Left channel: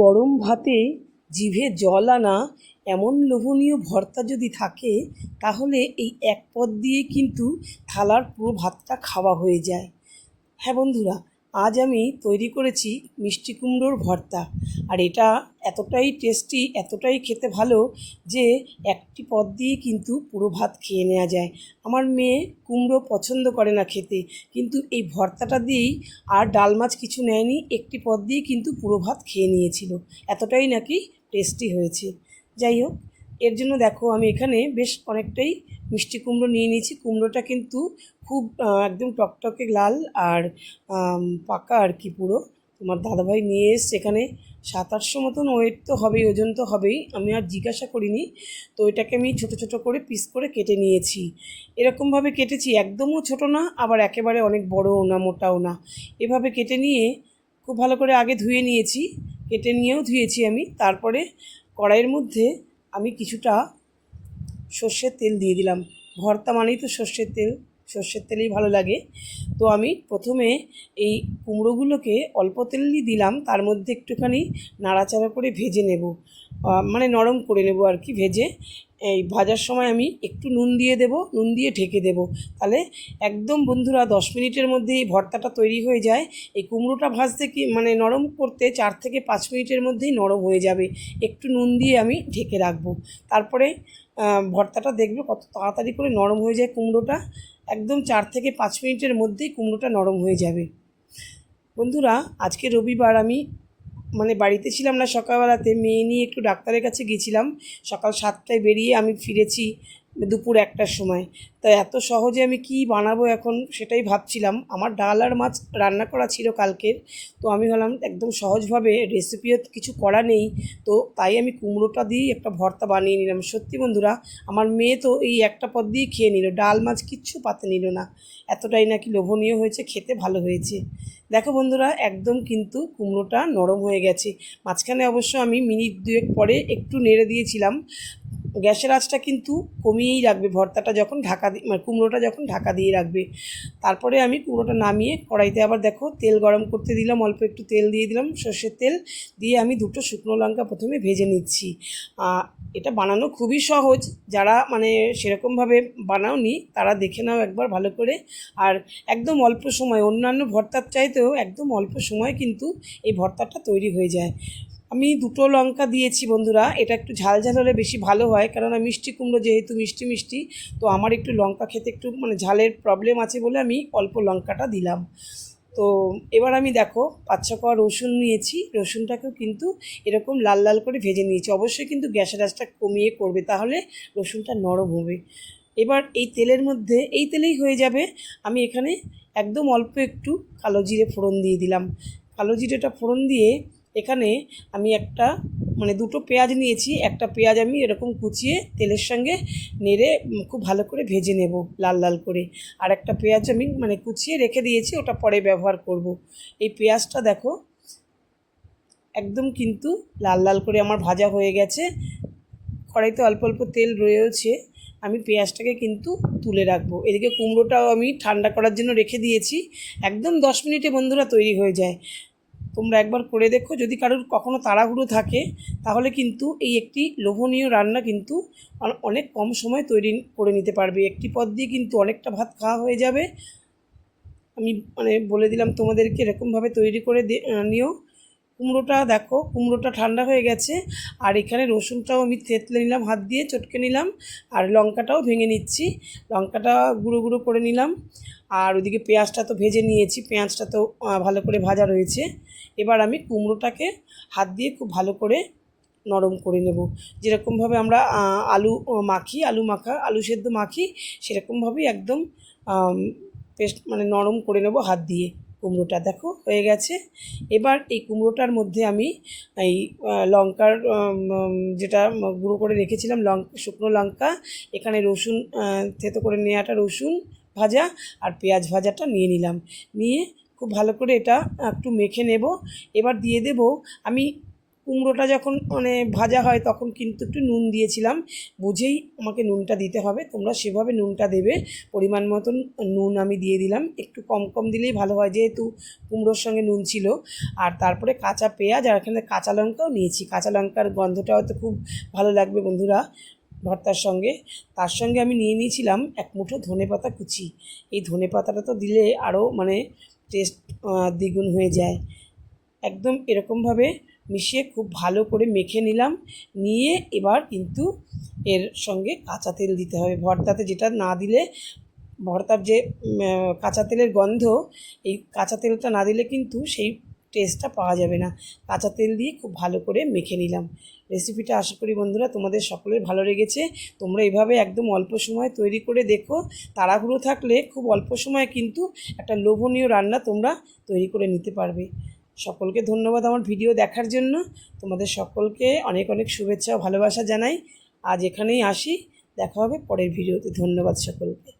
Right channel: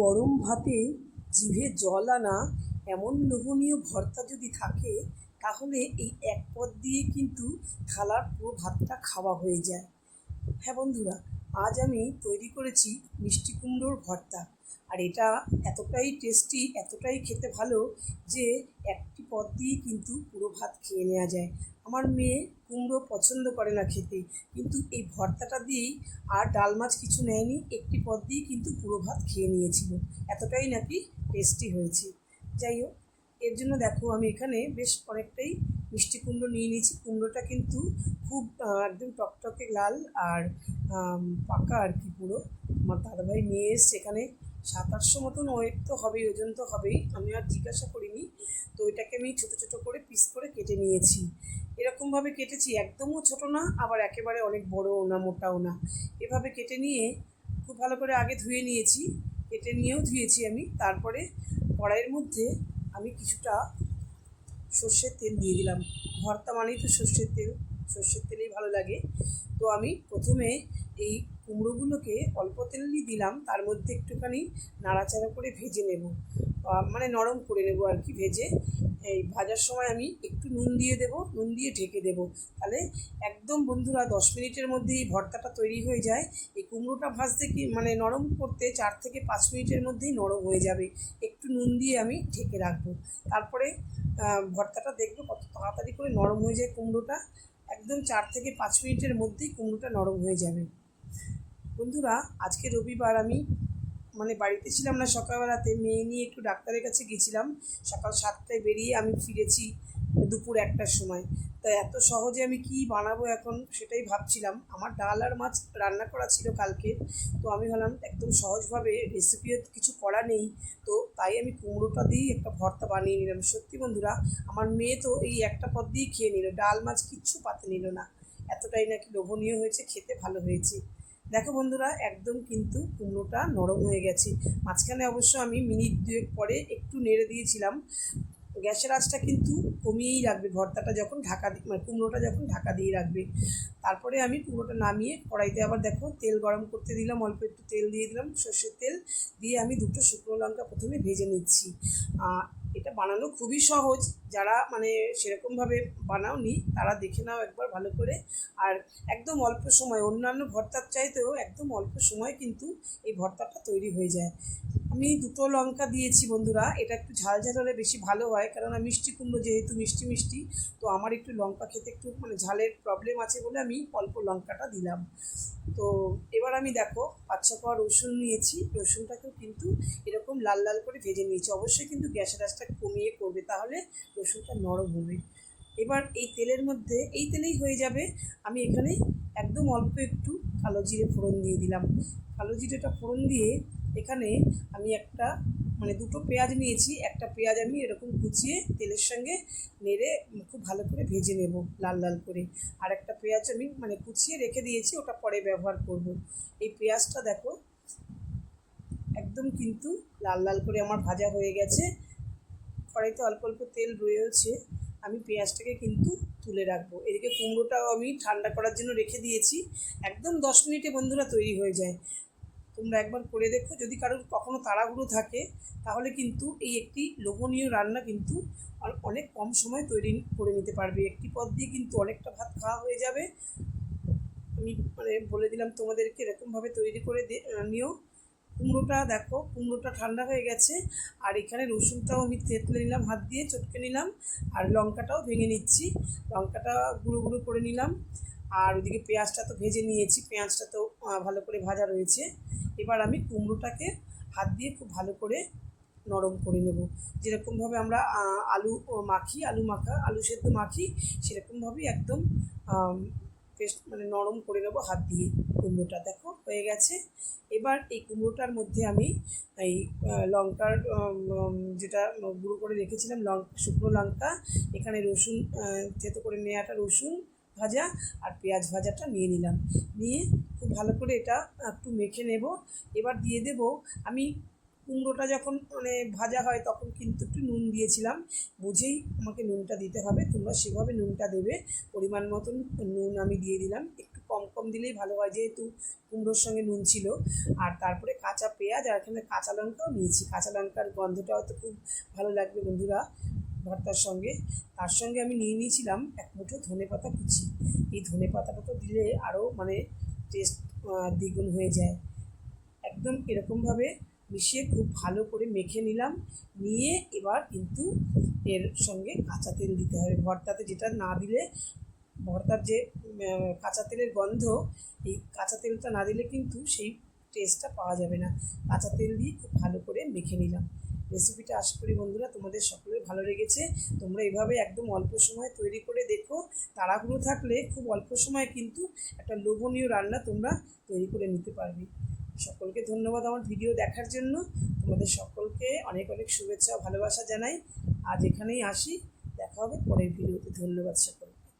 গরম ভাতে জিভে জল আনা এমন লোভনীয় ভর্তা যদি থাকে, তাহলে এই এক পদ দিয়ে কিন্তু থালার পুরো ভাতটা খাওয়া হয়ে যায়। হ্যাঁ বন্ধুরা, আজ আমি তৈরি করেছি মিষ্টি কুমড়োর ভর্তা। আর এটা এতটাই টেস্টি, এতটাই খেতে ভালো যে একটি পদ দিয়ে কিন্তু পুরো ভাত খেয়ে নেওয়া যায়। আমার মেয়ে কুমড়ো পছন্দ করে না খেতে, কিন্তু এই ভর্তাটা দিয়েই আর ডাল মাছ কিছু নেয়নি, একটি পদ দিয়ে কিন্তু পুরো ভাত খেয়ে নিয়েছিল। এতটাই নাকি টেস্টি হয়েছে। যাই হোক, এর জন্য দেখো আমি এখানে বেশ অনেকটাই মিষ্টি কুমড়ো নিয়ে নিয়েছি। কুমড়োটা কিন্তু খুব একদম টকটকে লাল আর পাকা আর কি পুরো। তোমার দাদাভাই নিয়ে এসছে এখানে 700-800 মতন ওয়েট তো হবেই, ওজন তো হবেই, আমি আর জিজ্ঞাসা করিনি। তো এটাকে আমি ছোটো ছোটো করে পিস করে কেটে নিয়েছি। এরকমভাবে কেটেছি, একদমও ছোটো না আবার একেবারে অনেক বড়ও না, মোটাও না। এভাবে কেটে নিয়ে খুব ভালো করে আগে ধুয়ে নিয়েছি, কেটে নিয়েও ধুয়েছি আমি। তারপরে কড়াইয়ের মধ্যে আমি কিছুটা সর্ষের তেল দিয়ে দিলাম। ভর্তা মানেই তো সর্ষের তেলেই ভালো লাগে। তো আমি প্রথমে এই কুমড়োগুলোকে অল্প তেলই দিলাম, তার মধ্যে একটুখানি নাড়াচাড়া করে ভেজে নেব, মানে নরম করে নেব আর কি ভেজে। এই ভাজার সময় আমি একটু নুন দিয়ে দেব, নুন দিয়ে ঢেকে দেব। তাহলে একদম বন্ধুরা 10 মিনিটের মধ্যে এই ভর্তাটা তৈরি হয়ে যায়। এই কুমড়োটা ভাজতে কি মানে নরম করতে 4 থেকে 5 মিনিটের মধ্যেই নরম হয়ে যাবে। একটু নুন দিয়ে আমি ঢেকে রাখবো। তারপরে ভর্তাটা দেখবে কত তাড়াতাড়ি করে নরম হয়ে যায় কুমড়োটা। একদম 4 থেকে 5 মিনিটের মধ্যেই কুমড়োটা নরম হয়ে যাবে। বন্ধুরা, আজকে রবিবার, আমি মানে বাড়িতে ছিলাম না সকালবেলাতে, মেয়ে নিয়ে একটু ডাক্তারের কাছে গেছিলাম। সকাল 7টায় বেরিয়ে আমি ফিরেছি দুপুর 1টার সময়। তাই এত সহজে আমি কি বানাবো এখন সেটাই ভাবছিলাম। আমার ডাল আর মাছ রান্না করা ছিল কালকের। তো আমি ভাবলাম একদম সহজভাবে, রেসিপিও কিছু করা নেই, তো তাই আমি কুমড়োটা দিয়েই একটা ভর্তা বানিয়ে নিলাম। সত্যি বন্ধুরা, আমার মেয়ে তো এই একটা পদ দিয়েই খেয়ে নিল, ডাল মাছ কিচ্ছু পাতে নিল না। এতটাই নাকি লোভনীয় হয়েছে, খেতে ভালো হয়েছে। দেখো বন্ধুরা, একদম কিন্তু কুমড়োটা নরম হয়ে গেছে। মাঝখানে অবশ্য আমি মিনিট 2 পরে একটু নেড়ে দিয়েছিলাম। গ্যাসের আঁচটা কিন্তু কমিয়েই রাখবে ভর্তাটা যখন ঢাকা দিয়ে, মানে কুমড়োটা যখন ঢাকা দিয়ে রাখবে। তারপরে আমি কুমড়োটা নামিয়ে কড়াইতে আবার দেখো তেল গরম করতে দিলাম, অল্প একটু তেল দিয়ে দিলাম, সর্ষের তেল দিয়ে আমি 2টো শুকনো লঙ্কা প্রথমে ভেজে নিচ্ছি। এটা বানানো খুবই সহজ, যারা মানে সেরকমভাবে বানাওনি তারা দেখে নাও একবার ভালো করে। আর একদম অল্প সময়, অন্যান্য ভর্তার চাইতেও একদম অল্প সময় কিন্তু এই ভর্তাটা তৈরি হয়ে যায়। আমি 2টো লঙ্কা দিয়েছি বন্ধুরা, এটা একটু ঝাল ঝাল হলে বেশি ভালো হয়, কারণ মিষ্টি কুমড়ো যেহেতু মিষ্টি মিষ্টি, তো আমার একটু লঙ্কা খেতে একটু মানে ঝালের প্রবলেম আছে বলে আমি অল্প লঙ্কাটা দিলাম। তো এবার আমি দেখো 5-6 কোয়া রসুন নিয়েছি, রসুনটাকেও কিন্তু এরকম লাল লাল করে ভেজে নিয়েছি। অবশ্যই কিন্তু গ্যাসের আঁচটা কমিয়ে করবে, তাহলে রসুনটা নরম হবে। এবার এই তেলের মধ্যে, এই তেলেই হয়ে যাবে, আমি এখানে একদম অল্প একটু কালো জিরে ফোড়ন দিয়ে দিলাম। কালো জিরেটা ফোড়ন দিয়ে এখানে আমি একটা মানে 2টো পেঁয়াজ নিয়েছি, একটা পেঁয়াজ আমি এরকম কুচিয়ে তেলের সঙ্গে নেড়ে খুব ভালো করে ভেজে নেব লাল লাল করে। আর একটা পেঁয়াজ আমি মানে কুচিয়ে রেখে দিয়েছি, ওটা পরে ব্যবহার করব। এই পেঁয়াজটা দেখো একদম কিন্তু লাল লাল করে আমার ভাজা হয়ে গেছে। কড়াইতে অল্প অল্প তেল রয়েছে, আমি পেঁয়াজটাকে কিন্তু তুলে রাখবো। এদিকে কুমড়োটাও আমি ঠান্ডা করার জন্য রেখে দিয়েছি। একদম 10 মিনিটে বন্ধুরা তৈরি হয়ে যায়। তোমরা একবার করে দেখো, যদি কারোর কখনো তাড়াহুড়ো থাকে তাহলে কিন্তু এই একটি লোভনীয় রান্না কিন্তু অনেক কম সময় তৈরি করে নিতে পারবে। একটি পদ দিয়ে কিন্তু অনেকটা ভাত খাওয়া হয়ে যাবে। আমি মানে বলে দিলাম তোমাদেরকে, এরকমভাবে তৈরি করে নিও। কুমড়োটা দেখো, কুমড়োটা ঠান্ডা হয়ে গেছে। আর এখানে রসুনটাও আমি থেতলে নিলাম, হাত দিয়ে চটকে নিলাম। আর লঙ্কাটাও ভেঙে নিচ্ছি, লঙ্কাটা গুঁড়ো গুঁড়ো করে নিলাম। আর ওইদিকে পেঁয়াজটা তো ভেজে নিয়েছি, পেঁয়াজটা তো ভালো করে ভাজা রয়েছে। এবার আমি কুমড়োটাকে হাত দিয়ে খুব ভালো করে নরম করে নেব। যেরকমভাবে আমরা আলু মাখি, আলু সেদ্ধ মাখি, সেরকমভাবেই একদম পেস্ট মানে নরম করে নেব হাত দিয়ে। কুমড়োটা দেখো হয়ে গেছে। এবার এই কুমড়োটার মধ্যে আমি এই লঙ্কার যেটা গুঁড়ো করে রেখেছিলাম, শুকনো লঙ্কা, এখানে রসুন থেতো করে নেওয়াটা রসুন ভাজা আর পেঁয়াজ ভাজাটা নিয়ে নিলাম। নিয়ে খুব ভালো করে এটা একটু মেখে নেব। এবার দিয়ে দেব আমি কুমড়োটা যখন মানে ভাজা হয় তখন কিন্তু একটু নুন দিয়েছিলাম, বুঝেই আমাকে নুনটা দিতে হবে, তোমরা সেভাবে নুনটা দেবে। পরিমাণ মতন নুন আমি দিয়ে দিলাম, একটু কম কম দিলেই ভালো হয় যেহেতু কুমড়োর সঙ্গে নুন ছিল। আর তারপরে কাঁচা পেঁয়াজ আর এখানে কাঁচা লঙ্কাও নিয়েছি, কাঁচা লঙ্কার গন্ধটা হয়তো খুব ভালো লাগবে বন্ধুরা ভর্তার সঙ্গে। তার সঙ্গে আমি নিয়ে নিয়েছিলাম এক মুঠো ধনেপাতা কুচি। এই ধনেপাতাটা তো দিলে আরও মানে টেস্ট দ্বিগুণ হয়ে যায়। একদম এরকমভাবে মিশিয়ে খুব ভালো করে মেখে নিলাম, নিয়ে এবার কিন্তু এর সঙ্গে কাঁচা তেল দিতে হবে ভর্তাতে, যেটা না দিলে ভর্তার যে কাঁচা তেলের গন্ধ, এই কাঁচা তেলটা না দিলে কিন্তু সেই টেস্টটা পাওয়া যাবে না। কাঁচা তেল দিয়ে খুব ভালো করে মেখে নিলাম। রেসিপিটা আশা করি বন্ধুরা তোমাদের সকলের ভালো লেগেছে। তোমরা এইভাবে একদম অল্প সময় তৈরি করে দেখো, তাড়াহুড়ো থাকলে খুব অল্প সময়ে কিন্তু একটা লোভনীয় রান্না তোমরা তৈরি করে নিতে পারবে। সকলকে ধন্যবাদ আমার ভিডিও দেখার জন্য। তোমাদের সকলকে অনেক অনেক শুভেচ্ছা ও ভালোবাসা জানাই। আজ এখানেই আসি, দেখা হবে পরের ভিডিওতে। ধন্যবাদ সকলকে।